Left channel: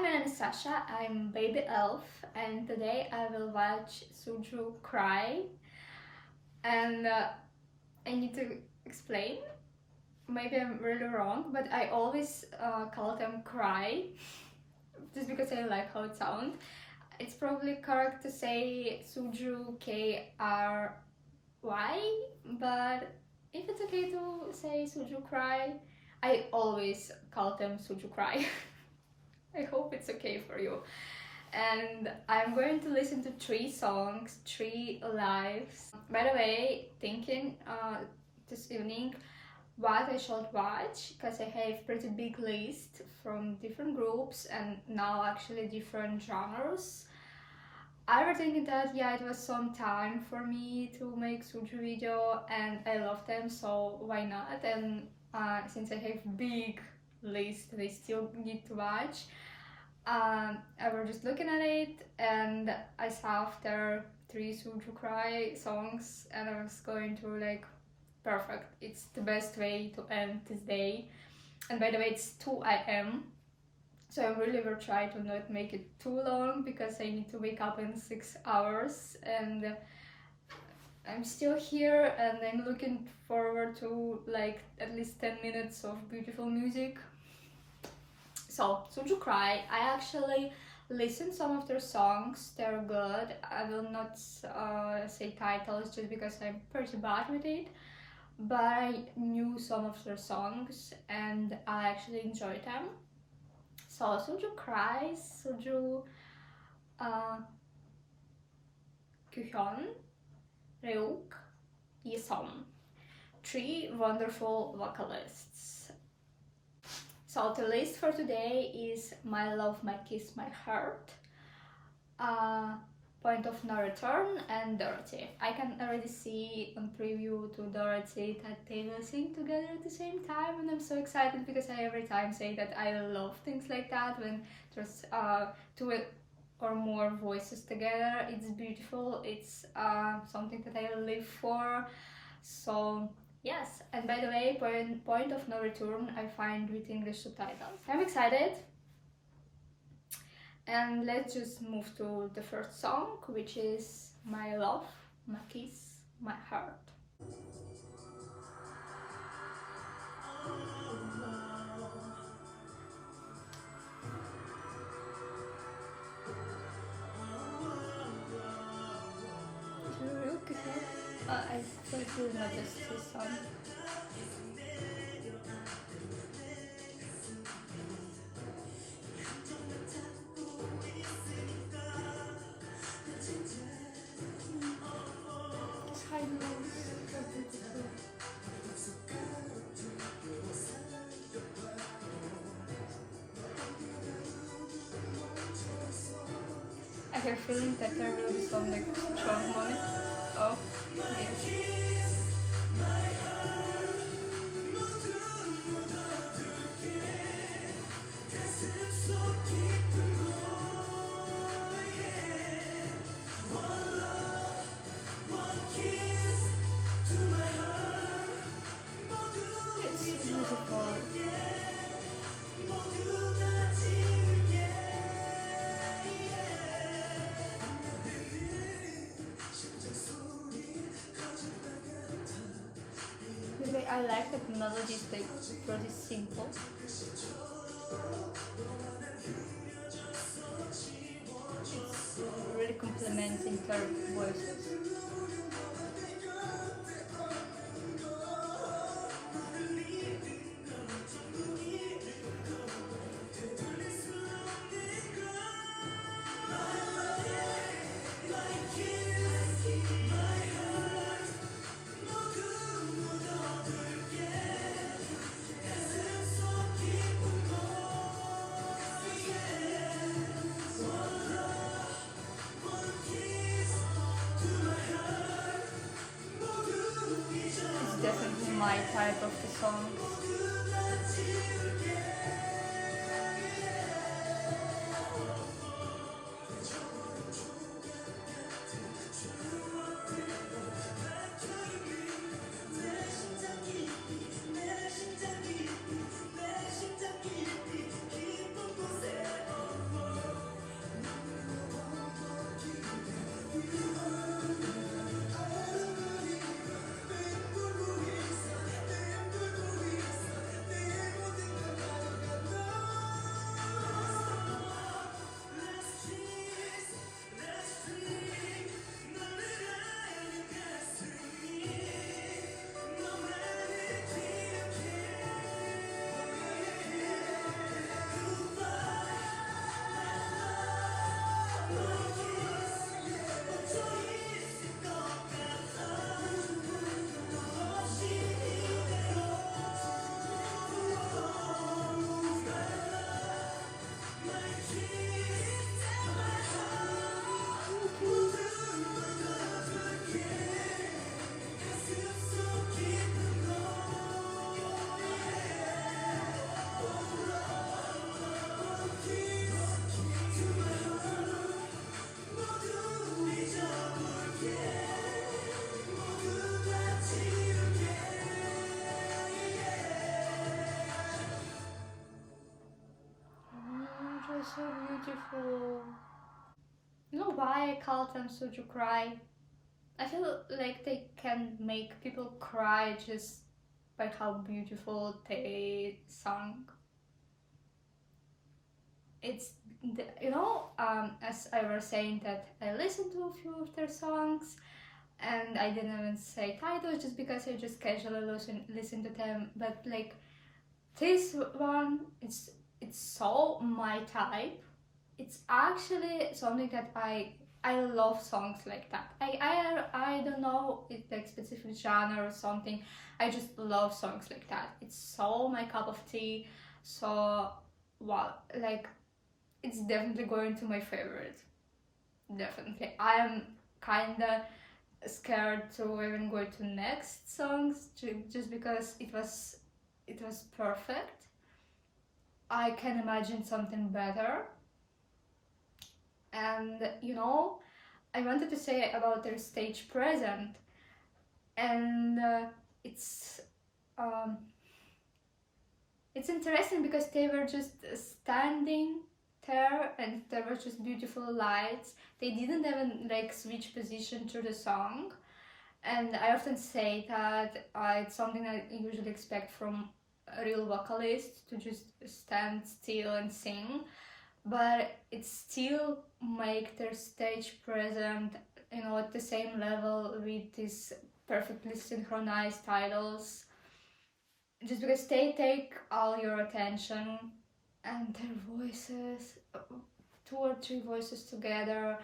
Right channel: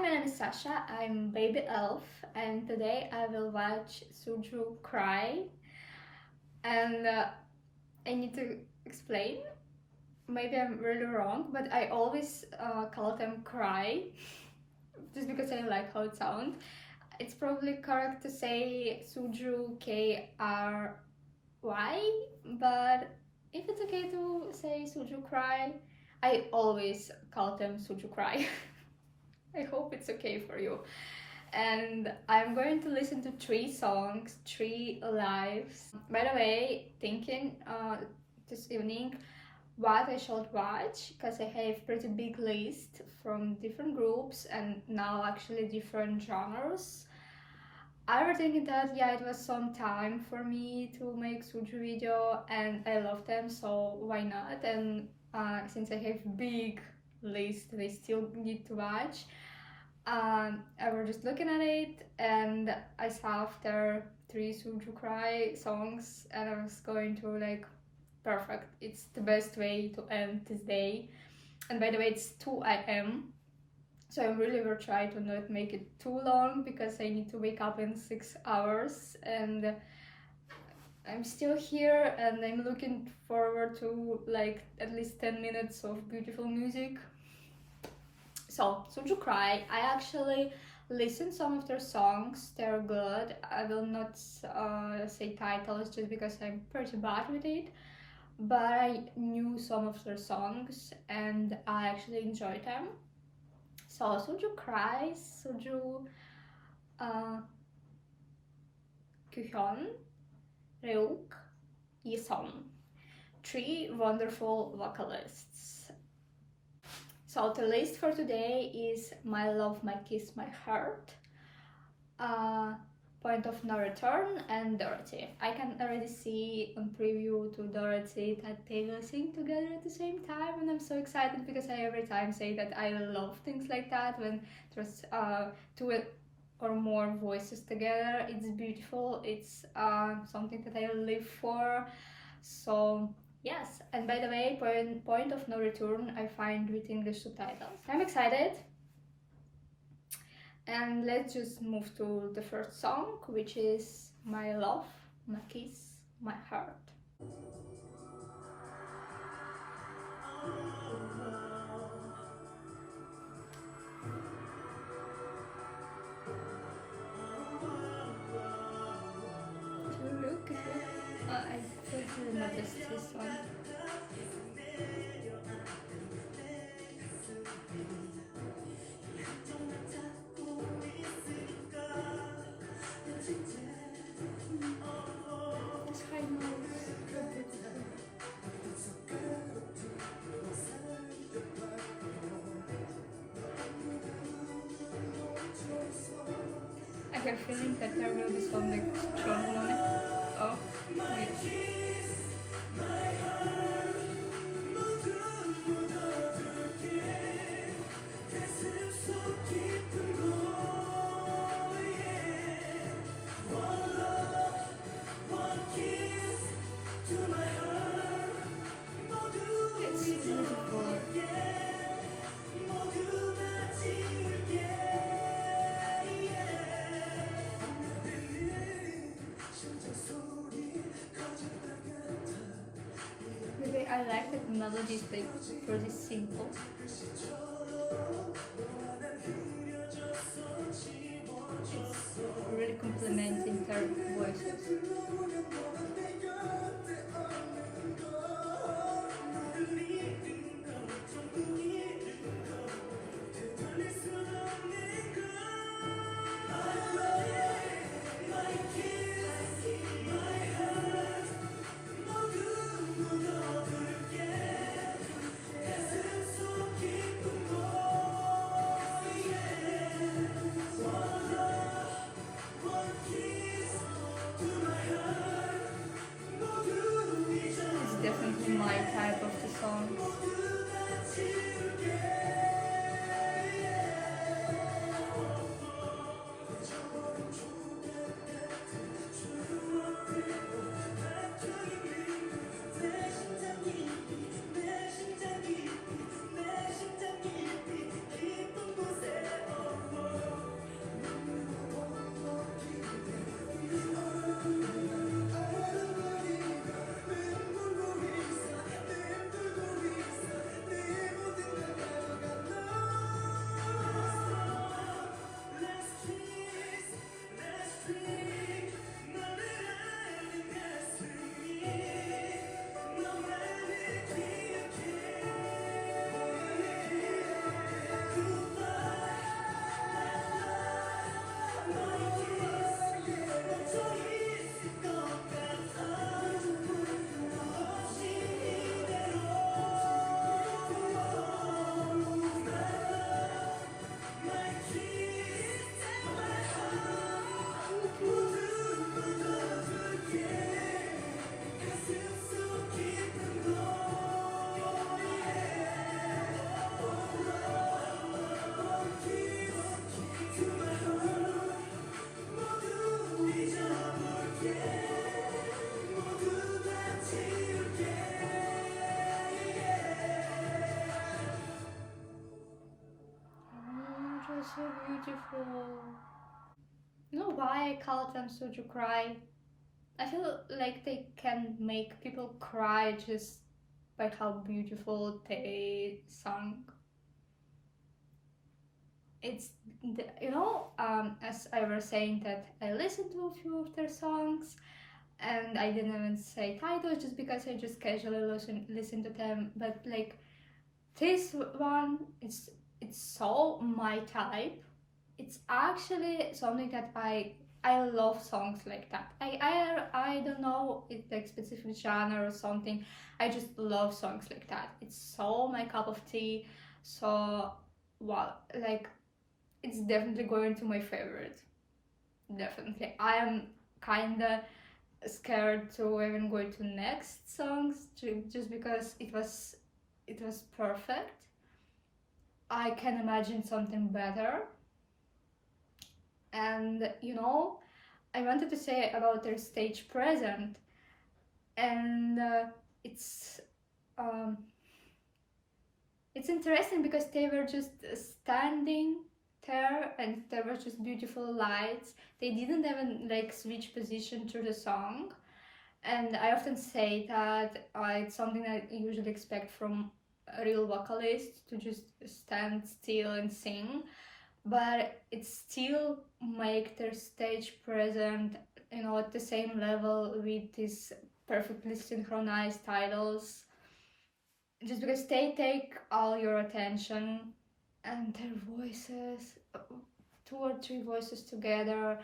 Hi, my name is Sasha, I'm baby elf, and today I will watch SuJu K.R.Y. And I need to explain, maybe I'm really wrong, but I always call them K.R.Y. just because I like how it sounds. It's probably correct to say SuJu K.R.Y, but if it's okay to say SuJu K.R.Y, I always call them SuJu K.R.Y. I hope it's okay for you. And I'm going to listen to 3 songs, 3 lives. By the way, thinking this evening what I should watch, because I have pretty big list from different groups and now actually different genres. I was thinking that yeah, it was some time for me to make SuJu video and I love them, so why not? And since I have big list that I still need to watch, I was just looking at it and I saw after 3 SuJu K.R.Y songs and I was going to like, perfect, it's the best way to end this day. And by the way, it's 2 AM, so I really will try to not make it too long because I need to wake up in 6 hours and I'm still here and I'm looking forward to like at least 10 minutes of beautiful music. So, SuJu K.R.Y, I actually listened some of their songs, they're good. I will not say titles just because I'm pretty bad with it, but I knew some of their songs and I actually enjoyed them. So, SuJu K.R.Y, SuJu K.R.Y, Yesom, 3 wonderful vocalists. So the list for today is My Love, My Kiss, My Heart, Point of No Return, and Dorothy. I can already see on preview to Dorothy that they will sing together at the same time, and I'm so excited because I every time say that I love things like that when there's 2 or more voices together. It's beautiful, it's something that I live for. So yes, and by the way, Point of No Return I find with English subtitles. I'm excited. And let's just move to the first song, which is My Love, My Kiss, My Heart. I still not this song. This high notes, so beautiful. I have a feeling that there will be some like strong moment. Oh, yes. It's beautiful. The way I like that melody is like pretty simple. It's really complementing their voices. It's definitely my type of the songs. so beautiful. You know why I call them SuJu K.R.Y? I feel like they can make people cry just by how beautiful they sung. It's as I was saying that I listened to a few of their songs, and I didn't even say titles just because I just casually listen to them. But like this one, it's so my type. It's actually something that I love songs like that. I don't know it's like specific genre or something. I just love songs like that. It's so my cup of tea. So well, like it's definitely going to my favorite. Definitely. I am kinda scared to even go to next songs just because it was perfect. I can imagine something better. And I wanted to say about their stage present, and it's um, it's interesting because they were just standing there, and there were just beautiful lights. They didn't even like switch position to the song, and I often say that it's something I usually expect from a real vocalist to just stand still and sing, but it still make their stage present at the same level with these perfectly synchronized titles, just because they take all your attention, and their voices, two or three voices together,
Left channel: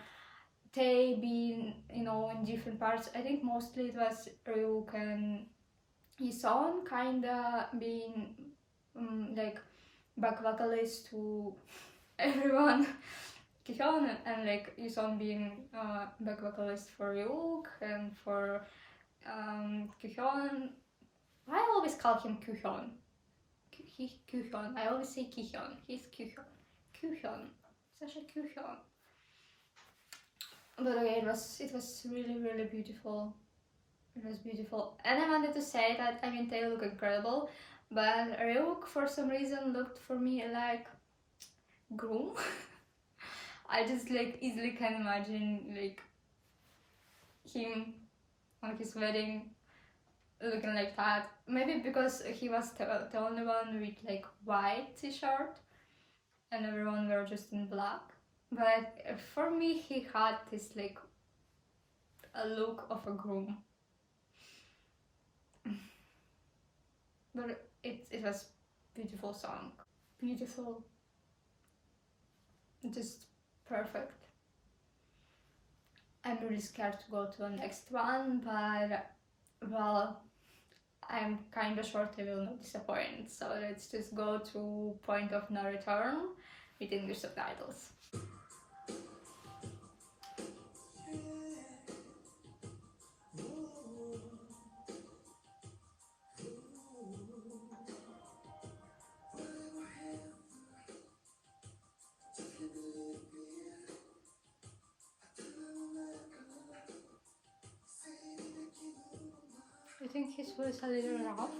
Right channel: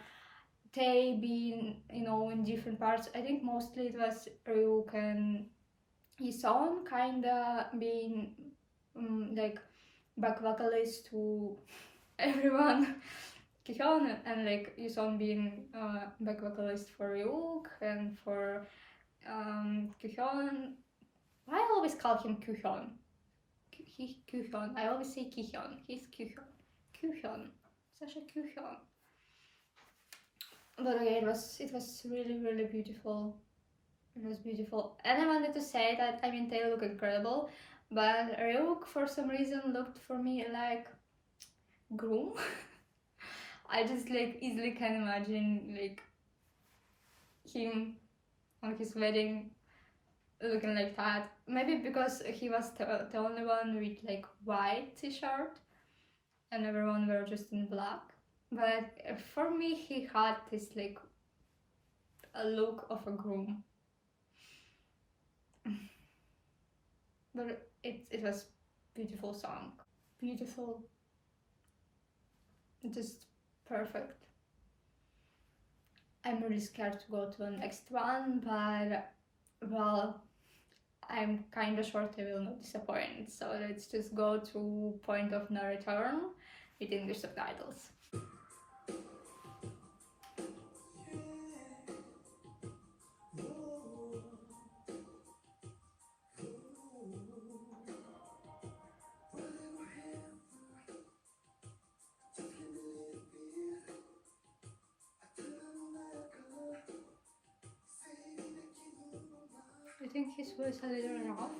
they been in different parts. I think mostly it was Ryuk and Yiseon kinda being like back vocalist to everyone. Kyuhyun and like Yuson being back vocalist for Ryuk and for Kyuhyun. I always call him Kyuhyun. He's Kyuhyun. I always say Kyuhyun. He's Kyuhyun. Kyuhyun. Sasha Kyuhyun. But okay, it was really really beautiful. It was beautiful, and I wanted to say that they look incredible, but Ryuk for some reason looked for me like groom. I just like easily can imagine like him on his wedding looking like that. Maybe because he was the only one with like white t-shirt and everyone were just in black. But for me, he had this like a look of a groom. But it was beautiful song, beautiful, just perfect. I'm really scared to go to the next one, but well, I'm kinda sure they will not disappoint. So let's just go to Point of No Return with English subtitles. I think his voice a little rough.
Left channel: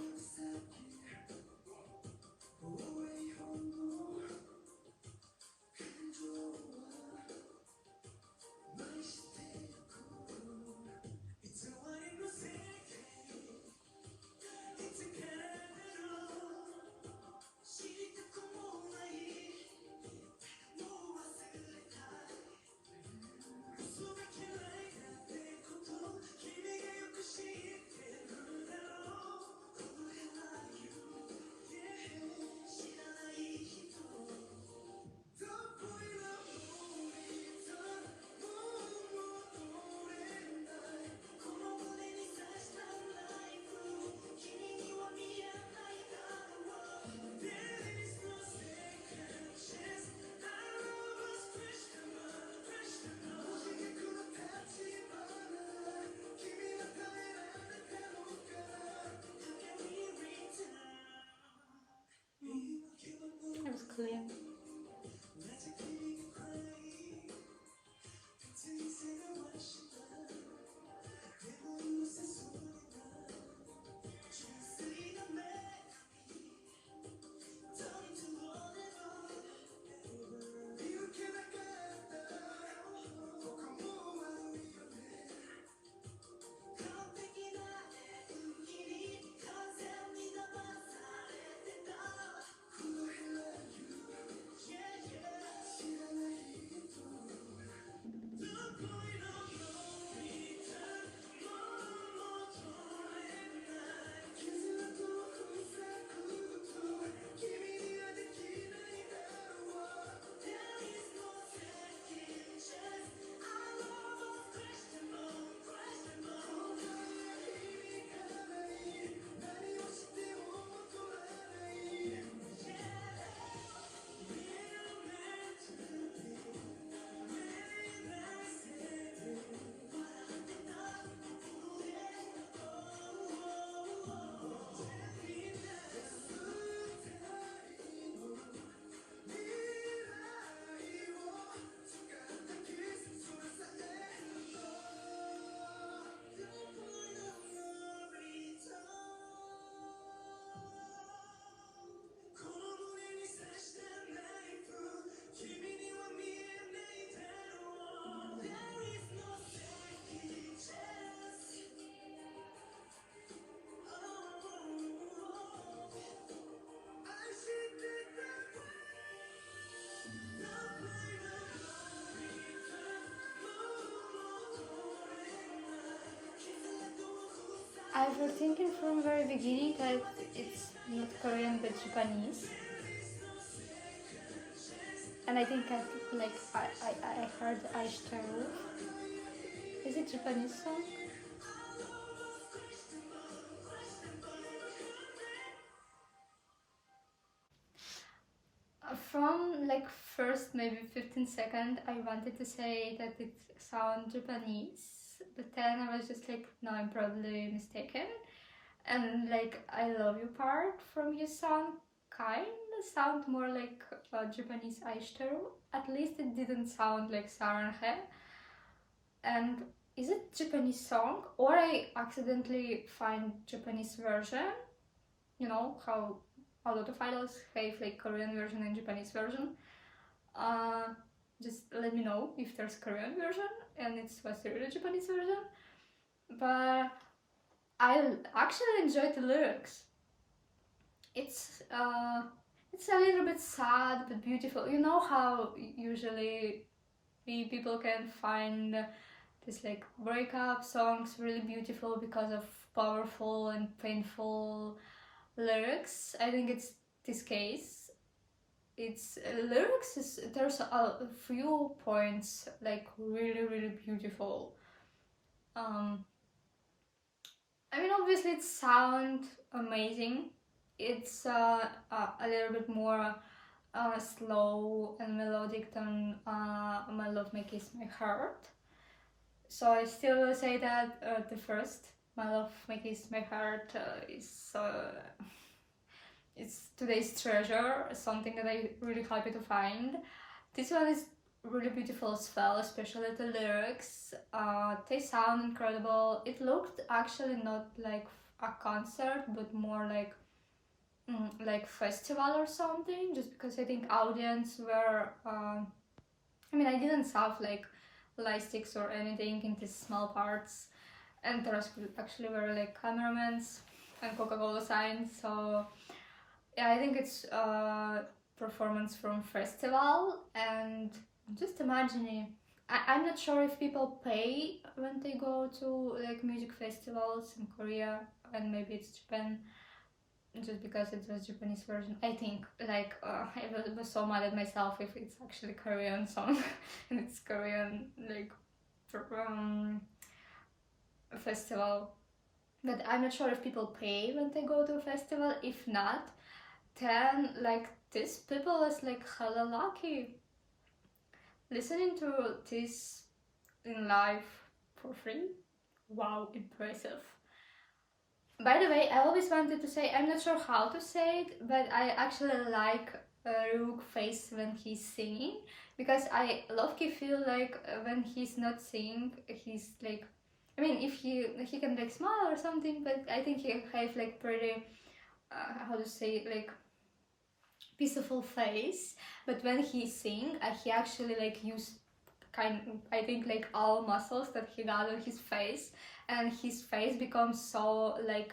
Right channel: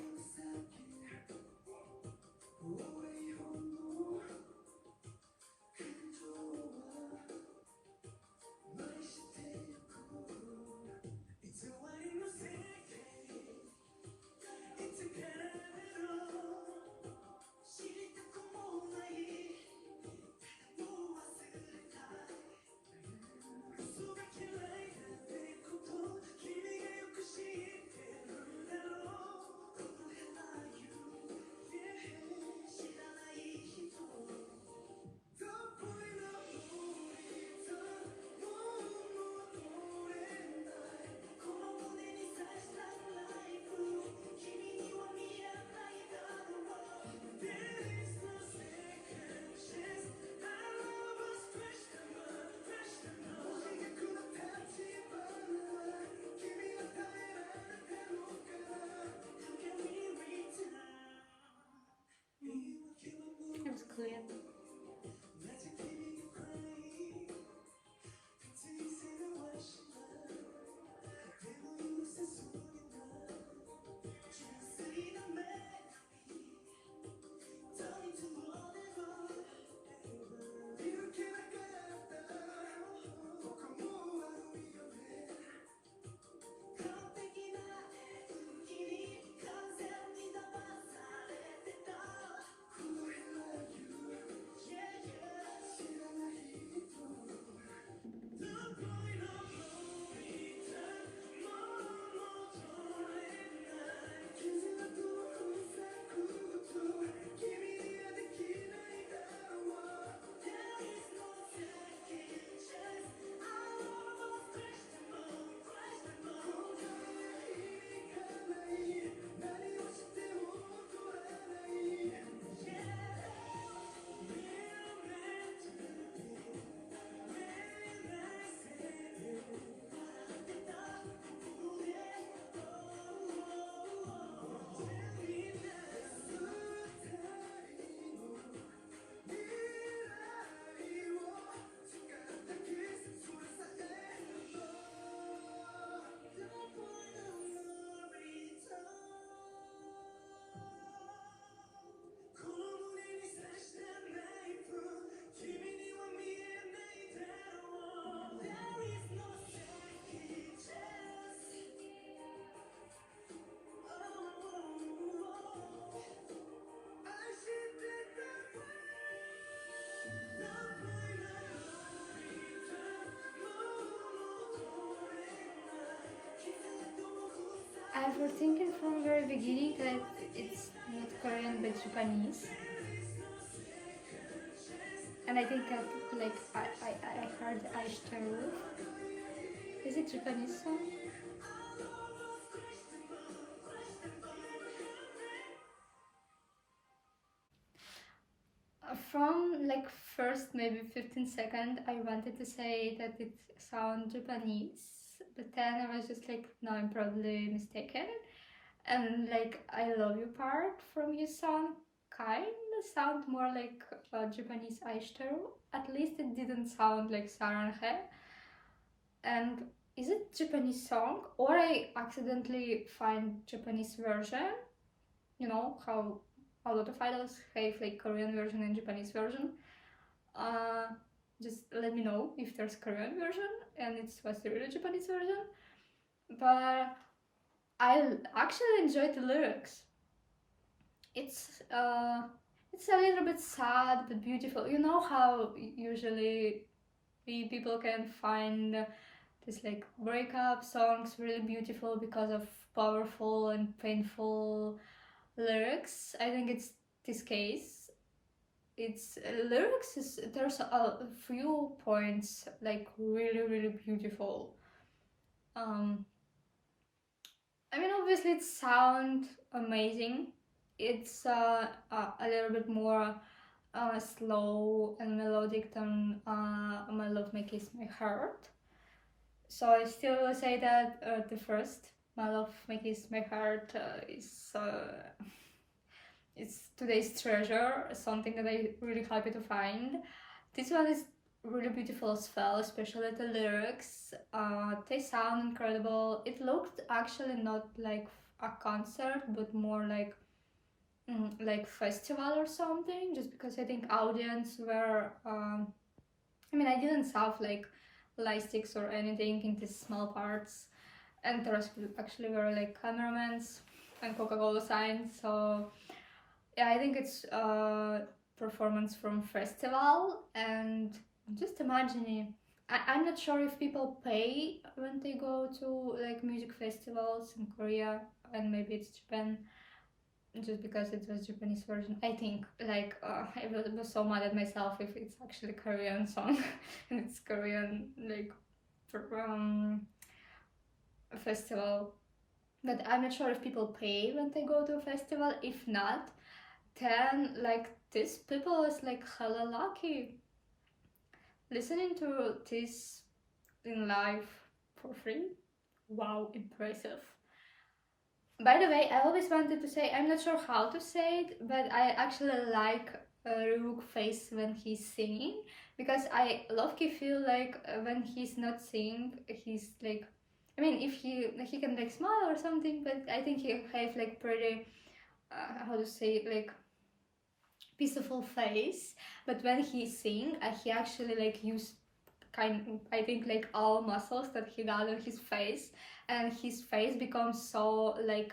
It was clear. I was thinking from very beginning that it's not Korean but Japanese, and I think I heard Aishtaru. Is it Japanese song? From like first maybe 15 seconds, I wanted to say that it sounds Japanese, but then I was just like, no, I'm probably mistaken. And like I love you part from his song kind of sound more like Japanese Aishiteru. At least it didn't sound like Saranhe. And is it Japanese song or I accidentally find Japanese version? You know how a lot of idols have like Korean version and Japanese version. Uh, just let me know if there's Korean version and it's was the real Japanese version. But I actually enjoyed the lyrics. It's uh, it's a little bit sad but beautiful. You know how usually people can find this like breakup songs really beautiful because of powerful and painful lyrics. I think it's this case. It's lyrics is there's a few points like really beautiful. Um, I mean, obviously it sounds amazing. It's a little bit more slow and melodic than My Love May Kiss My Heart. So I still will say that the first My Love May Kiss My Heart is it's today's treasure, something that I really happy to find. This one is really beautiful as well, especially the lyrics. They sound incredible. It looked actually not like a concert, but more like festival or something. Just because I think audience were. I mean, I didn't have like light sticks or anything in these small parts, and there was actually were like cameramans and Coca-Cola signs. So yeah, I think it's performance from festival, and just imagining. I'm not sure if people pay when they go to like music festivals in Korea, and maybe it's Japan, just because it was Japanese version. I think like I was so mad at myself if it's actually Korean song and it's Korean like um, festival. But I'm not sure if people pay when they go to a festival. If not, then like these people is like hella lucky listening to this in live for free. Wow, impressive. By the way, I always wanted to say, I'm not sure how to say it, but I actually like Rook face when he's singing, because I low-key feel like when he's not singing, he's like, I mean, if he can like smile or something, but I think he have like pretty, how to say, like peaceful face. But when he sing, he actually like use I think like all muscles that he got on his face, and his face becomes so like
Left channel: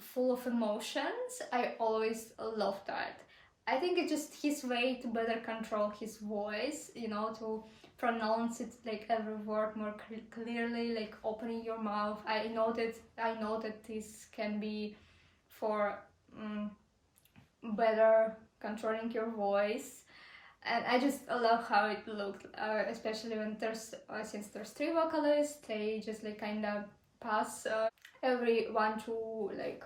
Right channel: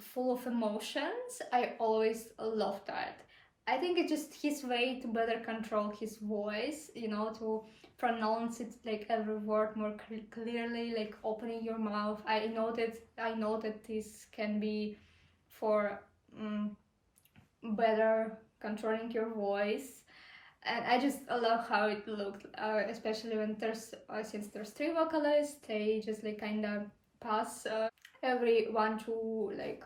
full of emotions. I always love that. I think it's just his way to better control his voice, you know, to pronounce it like every word more clearly, like opening your mouth. I know that this can be for better controlling your voice, and I just love how it looked, especially when there's since there's three vocalists, they just like kind of pass every 1 2 like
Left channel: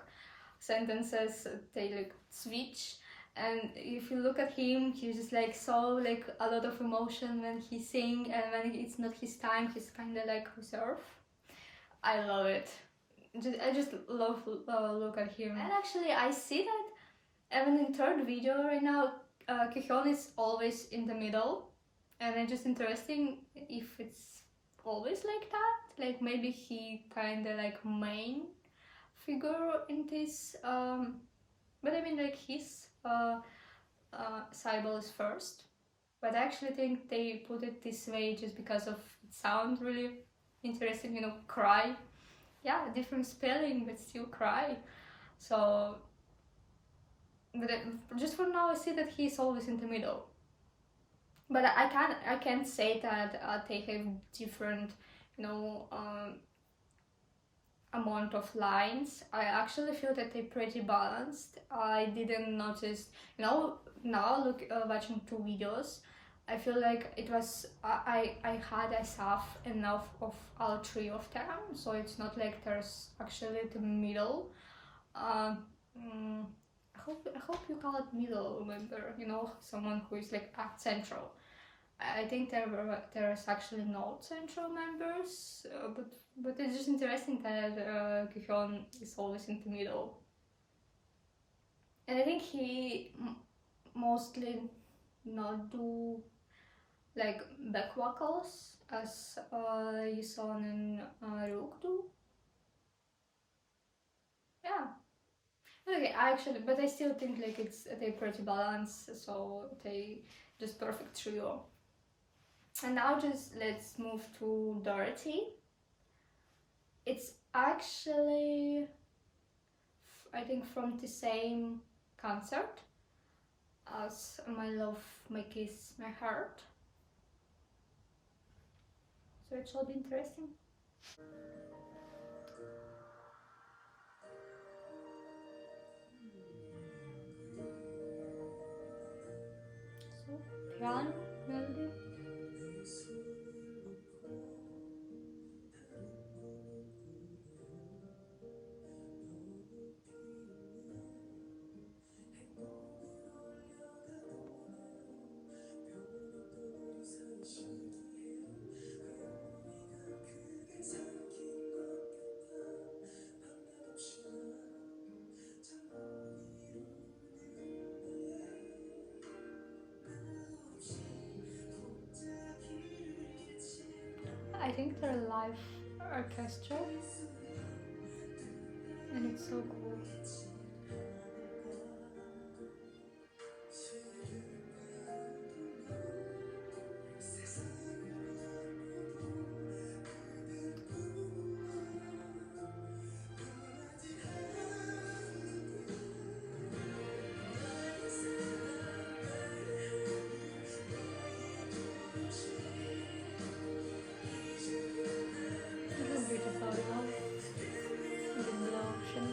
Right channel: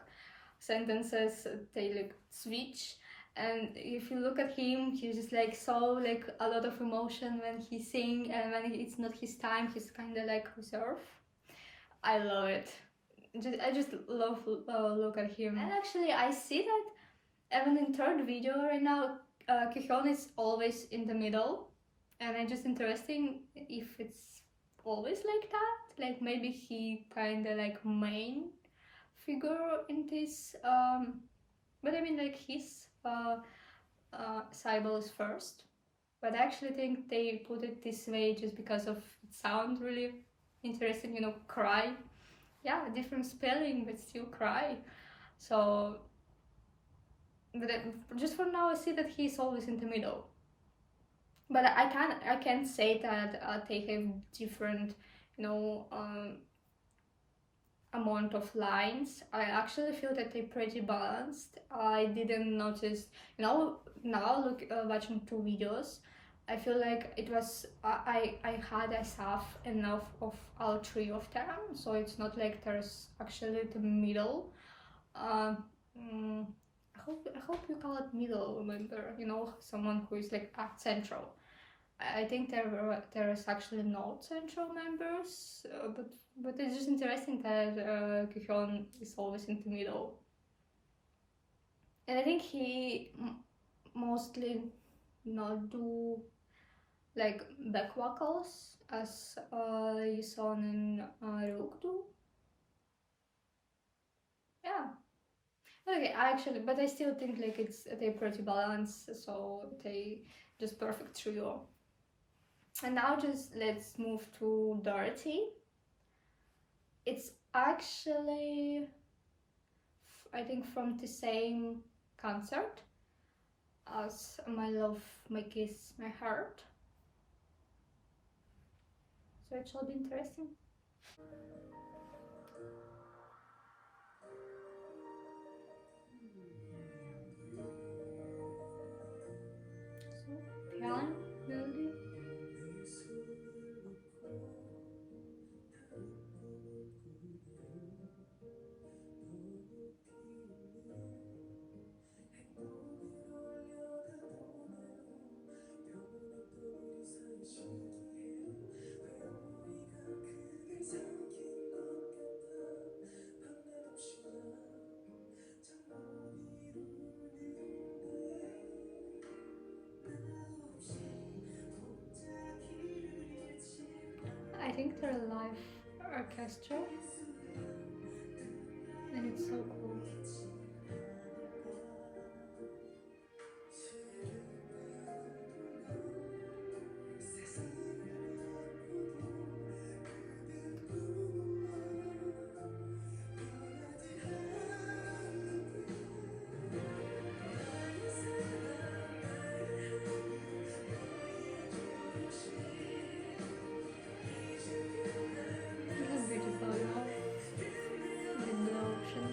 sentences, they like switch. And if you look at him, he's just like so like a lot of emotion when he sing, and when it's not his time, he's kind of like reserved. I love it. I just love look at him. And actually I see that even in third video right now, Kyuhyun is always in the middle, and it's just interesting if it's always like that. Like maybe he kind of like main figure in this, but I mean like his Cybele is first. But I actually think they put it this way just because of it sounds really interesting, you know, cry. Yeah, different spelling, but still cry. So, but just for now, I see that he's always in the middle. But I can't say that they have different, you know, amount of lines. I actually feel that they're pretty balanced. I didn't notice, now look, watching two videos, I feel like it was I have enough of all three of them, so it's not like there's actually the middle. Um, mm, I hope you call it middle member. Someone who is like at central. I think there is actually no central members, but it's just interesting that Kyuhyun is always in the middle, and I think he mostly not do like back vocals as Yisun and Ryuk do. Yeah. Okay, but I still think like they pretty balanced, so they just perfect trio. And now just let's move to Dorothy. It's actually, I think, from the same concert as My Love, My Kiss, My Heart. So it should be interesting. So, piano, melody. I think they're live orchestra, and it's so cool. This is beautiful, the blue ocean.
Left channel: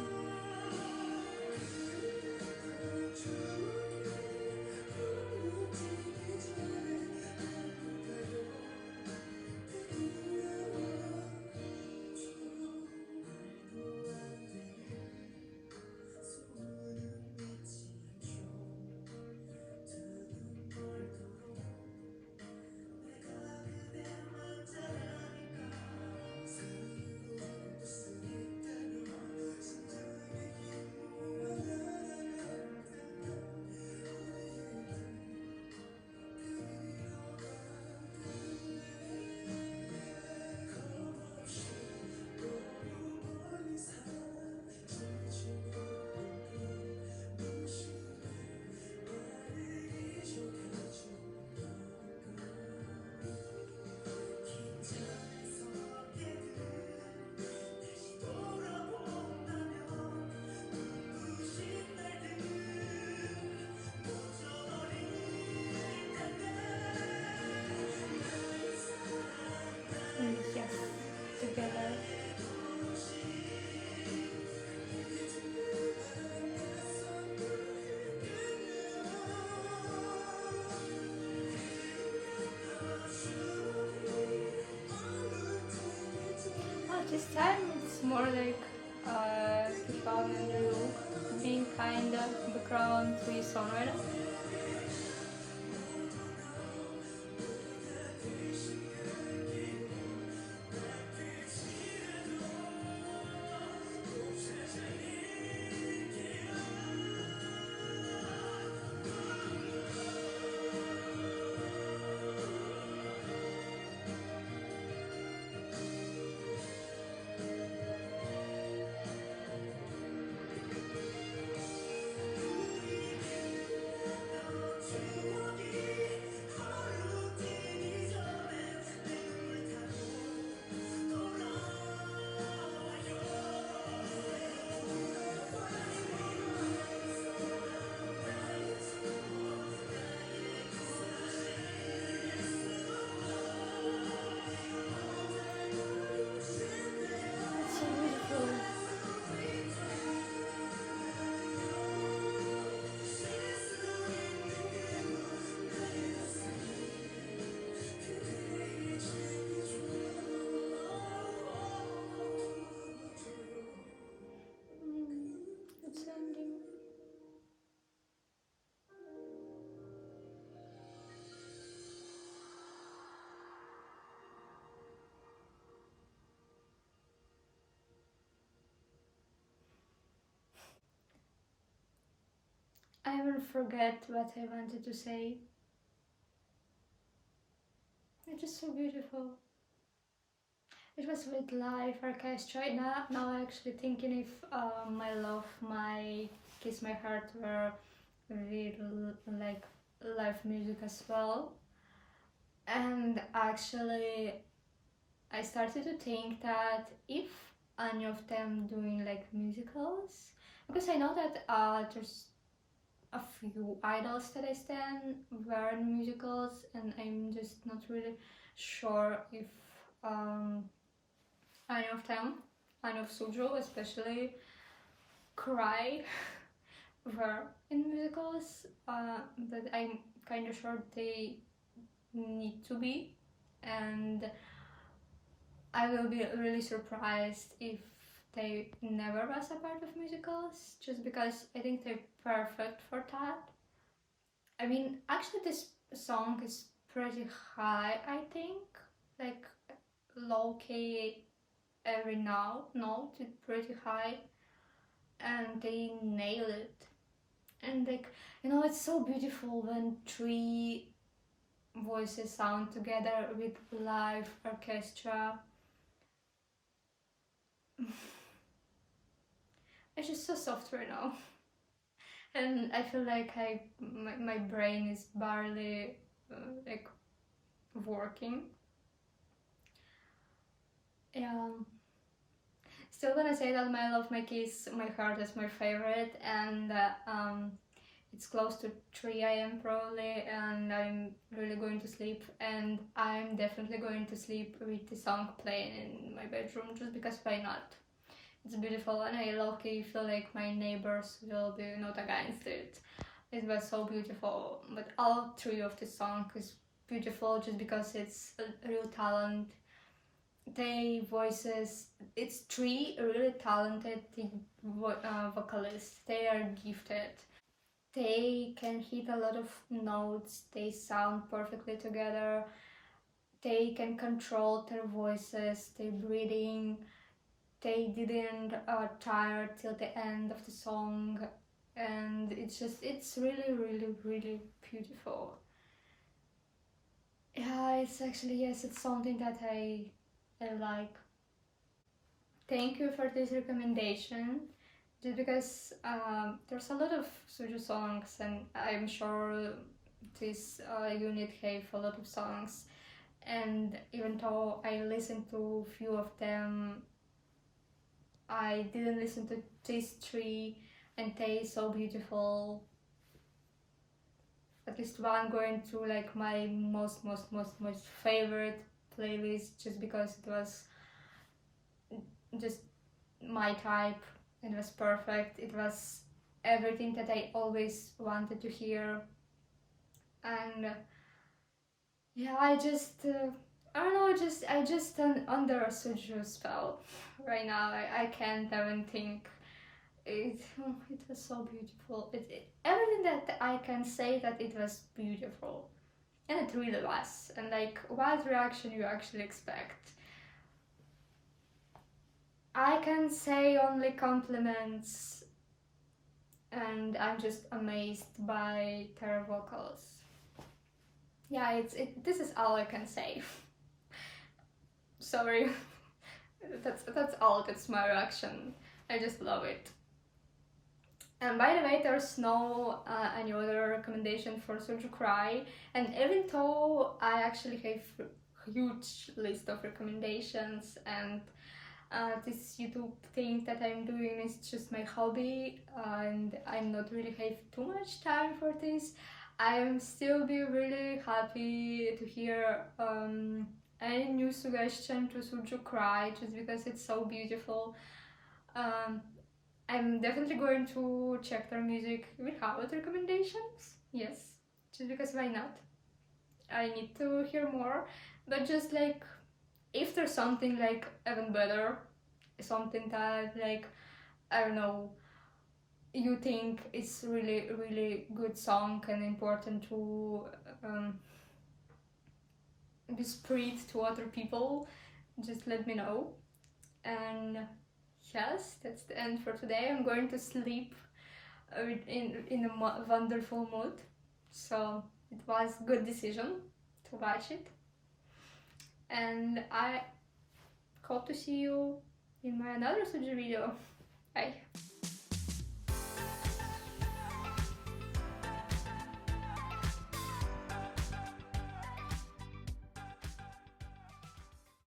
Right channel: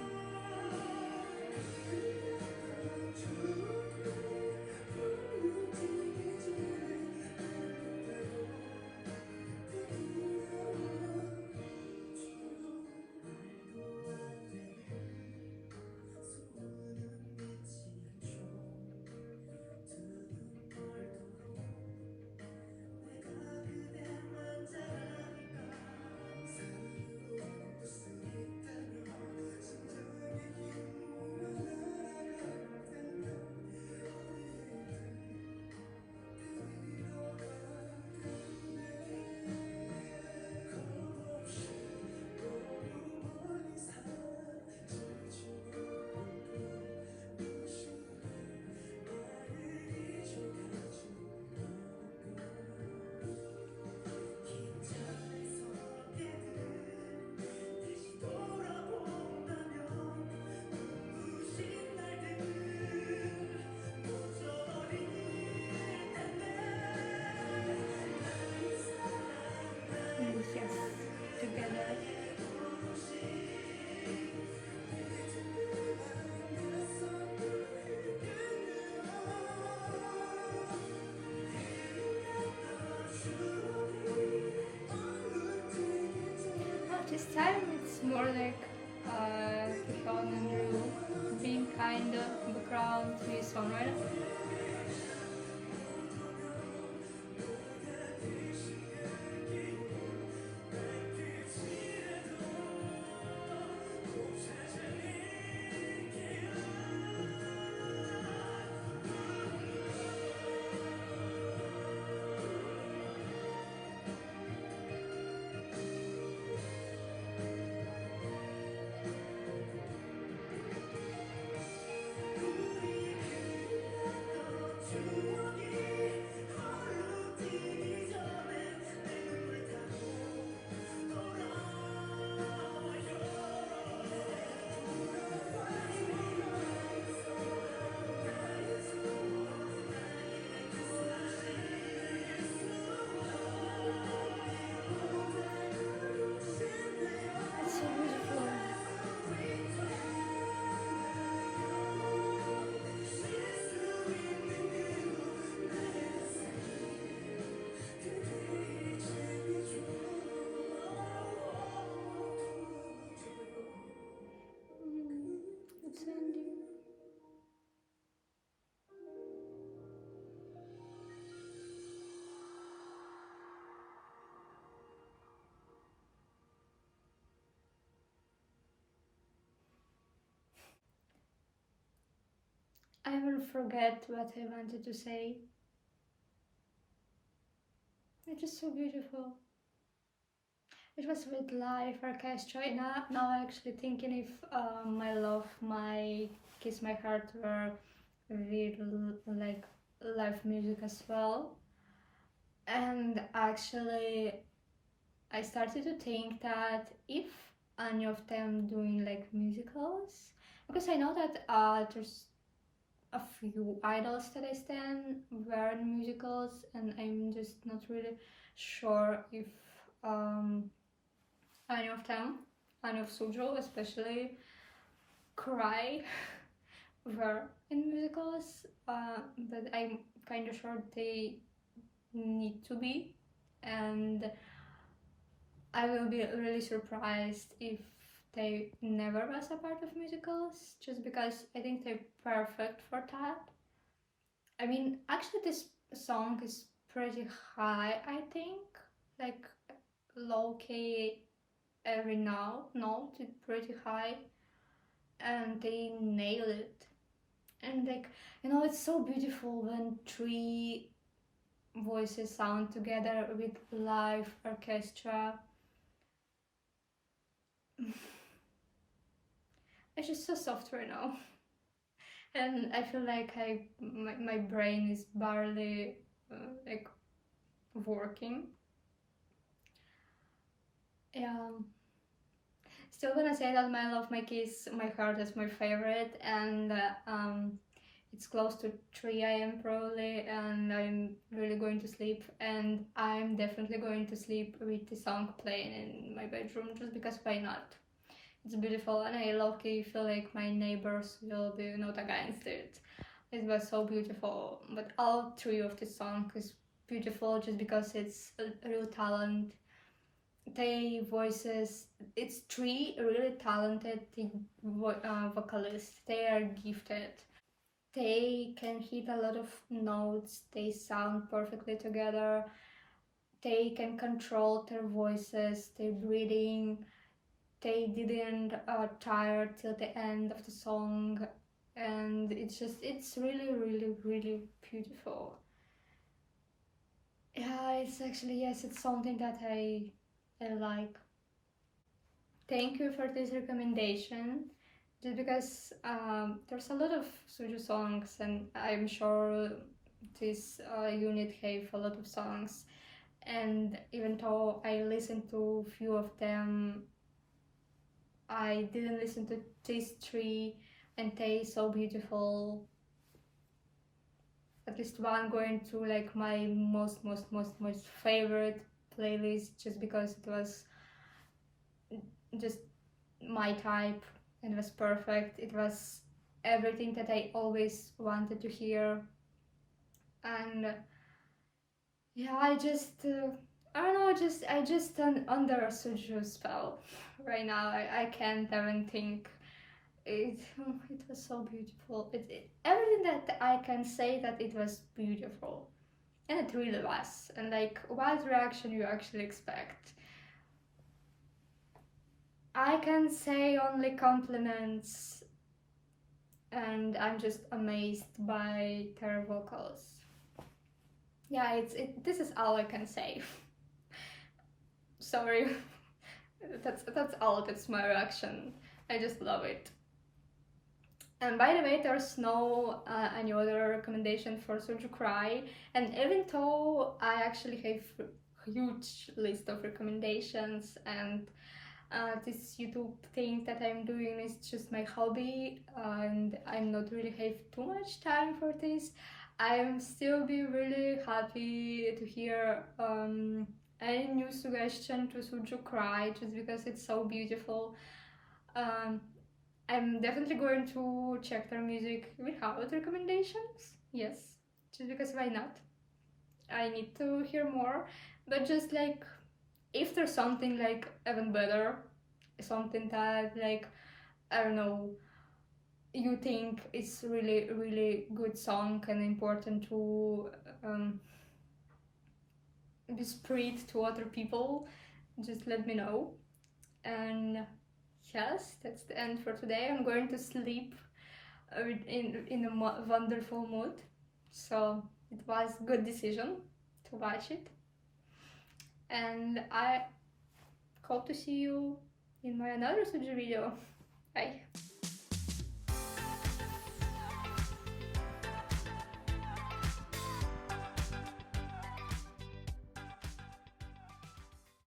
Yes, together. This time it's more like Stefan and Luke being kind of background to his songwriter. I will forget what I wanted to say. It's just so beautiful. It was with live orchestra. Now I'm actually thinking if My Love, My Kiss My Heart were with like live music as well. And actually, I started to think that if any of them doing like musicals, because I know that there's a few idols that I stand were in musicals, and I'm just not really sure if um, any of them, any of SuJu, especially K.R.Y, were in musicals, but I'm kind of sure they need to be, and I will be really surprised if they never was a part of musicals, just because I think they're perfect for that. I mean, actually, this song is pretty high, I think, like low key every note is pretty high, and they nail it. And like, it's so beautiful when three voices sound together with live orchestra. It's just so soft right now. And I feel like my brain is barely like working. Yeah. Still gonna say that My Love, My Kiss, My Heart is my favorite, and it's close to 3 a.m. probably, and I'm really going to sleep, and I'm definitely going to sleep with the song playing in my bedroom, just because why not? It's beautiful, and I low-key feel like my neighbors will be not against it. It was so beautiful, but all three of the songs is beautiful just because it's a real talent. They voices, it's three really talented vocalists. They are gifted. They can hit a lot of notes. They sound perfectly together. They can control their voices, their breathing. They didn't tire till the end of the song, and it's really, really, really beautiful. Yeah, it's actually, yes, it's something that I like. Thank you for this recommendation. Just because there's a lot of SuJu songs, and I'm sure this unit have a lot of songs. And even though I listened to few of them, I didn't listen to these three, and they so beautiful. At least one going to like my most favorite playlist, just because it was just my type. It was perfect. It was everything that I always wanted to hear. And yeah, I don't know, I just under a SuJu spell right now. I can't even think. It was so beautiful. Everything that I can say that it was beautiful, and it really was. And like, what reaction you actually expect? I can say only compliments, and I'm just amazed by their vocals. Yeah, this is all I can say. Sorry. That's all. That's my reaction. I just love it. And by the way, there's no any other recommendation for SuJu K.R.Y, and even though I actually have a huge list of recommendations, and this YouTube thing that I'm doing is just my hobby, and I'm not really have too much time for this, I am still be really happy to hear any new suggestion to SuJu K.R.Y, just because it's so beautiful. Um, I'm definitely going to check their music without recommendations. Yes, just because why not? I need to hear more, but just like if there's something like even better, something that like I don't know, you think is really really good song and important to be spread to other people, just let me know. And yes, that's the end for today. I'm going to sleep in a wonderful mood. So it was good decision to watch it, and I hope to see you in my another SuJu video. Bye.